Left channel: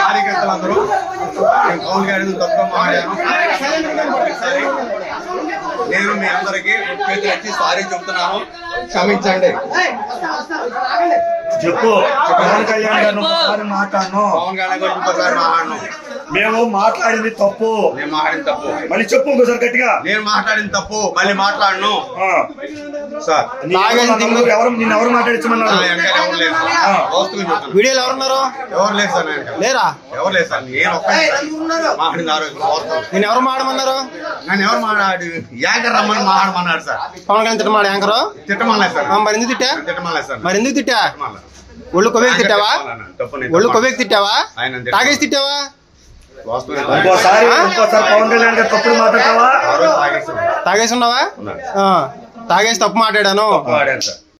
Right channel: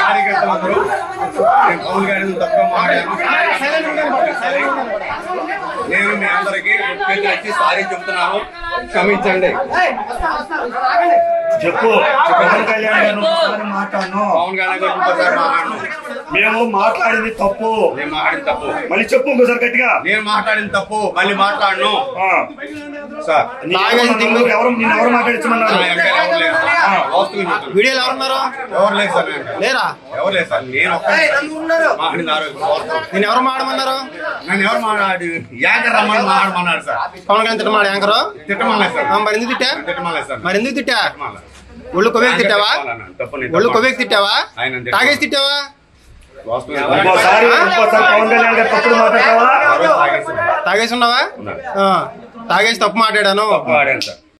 కార్యకర్తలందరూ పవన్ గారి తప్పుగా మాట్లాడాను. నేను మీ అందరికీ చేతులు ఎత్తి సారీ చెప్తున్నాను, క్షమించండి. చెప్పు. పవన్ కళ్యాణ్ మాట్లాడను. పవన్ కళ్యాణ్ గారు ఇంకోసారి మాట్లాడను. మేము మాట్లాడింది తప్పు. నేను మాట్లాడింది తప్పు. మళ్ళీ చెప్పు ఇంకోసారి గట్టిగా. నేను మాట్లాడింది తప్పు, మళ్ళీ మాట్లాడను సార్. ఎవరు మాట్లాడించమన్నారు? వీడియోలు ఎవరున్నారు? ఎవరు లేదు సార్. లేరా? ఎవరు లేదు సార్. నేను మాట్లాడింది నేను ఎవరు మాట్లాడమన్నారు? నన్ను ఎవరు మాట్లాడి యాంకర్ రమ్మని మాట్లాడమన్నాడు సార్. పవన్ కళ్యాణ్ తిట్టమాడు యాంకర్? తిట్టమలేదు సార్. మరి ఎందుకు తిట్టా? తిట్టమలేదు సార్. మరి ఎందుకు తిట్టా? ఒళ్ళు కొవ్వేకి తిట్టావా? ఒళ్ళు కొవ్వేకి తిట్టావా? తాగేసి తిట్టావా? ఇంకోసారి పవన్ కళ్యాణ్ గారు తప్పుడు మాట్లాడతావా? తాగేసి ఉన్నావా? తాగేసి తప్పు మాట్లాడాను.